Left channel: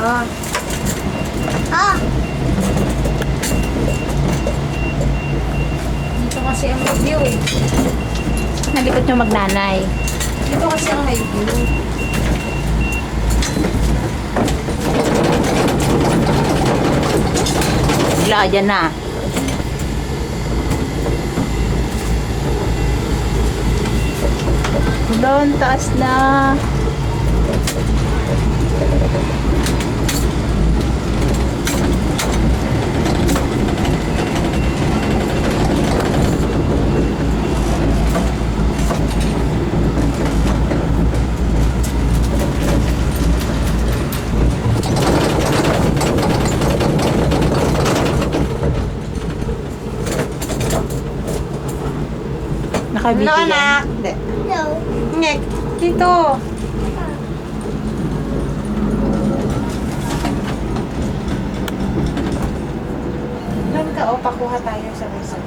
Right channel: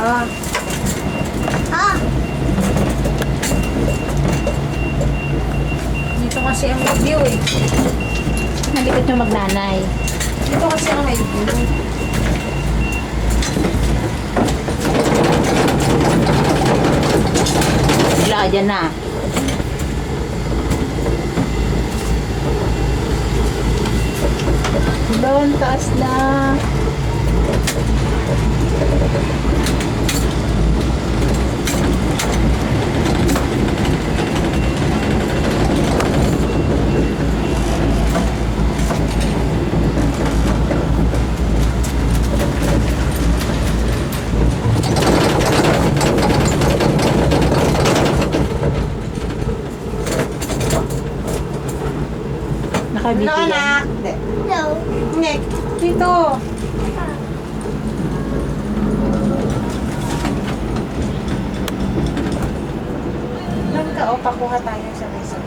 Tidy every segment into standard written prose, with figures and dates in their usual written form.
Ah. Ah! Dito kasi ang may view eh. Nalikot yung magnanay. Dito kasi ang may view. Wala, dyan na. Doon, taas na. Nakabiti Hello, yan. anak. No. Nek, dito. Doon ka, o, pakuha tayo sa mesa.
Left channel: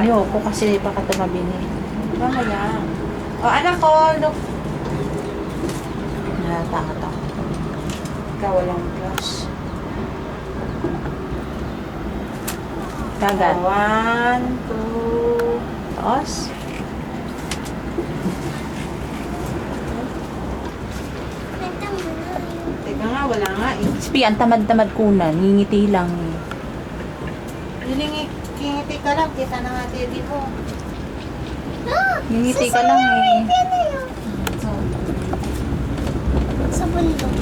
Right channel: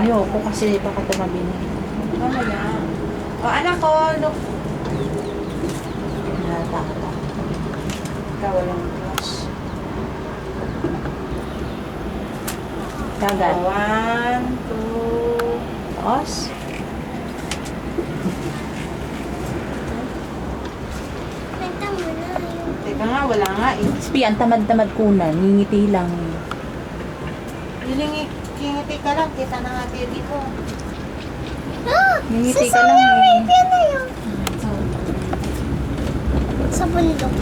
Ayoko kasi baka tumabi na. Mamaya. O, anak ko, look. Natatakot ako. Ikaw, walang close. Kagat. 1, 2. Taos. Nagta mo na. Teka nga, wala nga eh. Spi, ang tamad-tamad kunan. Ngingiti lang. Kingiti ka lang, kita na nga tayo dito. Ah! Ngingiti Sa ka lang Summer eh. Arabian na yun. Sa bundok.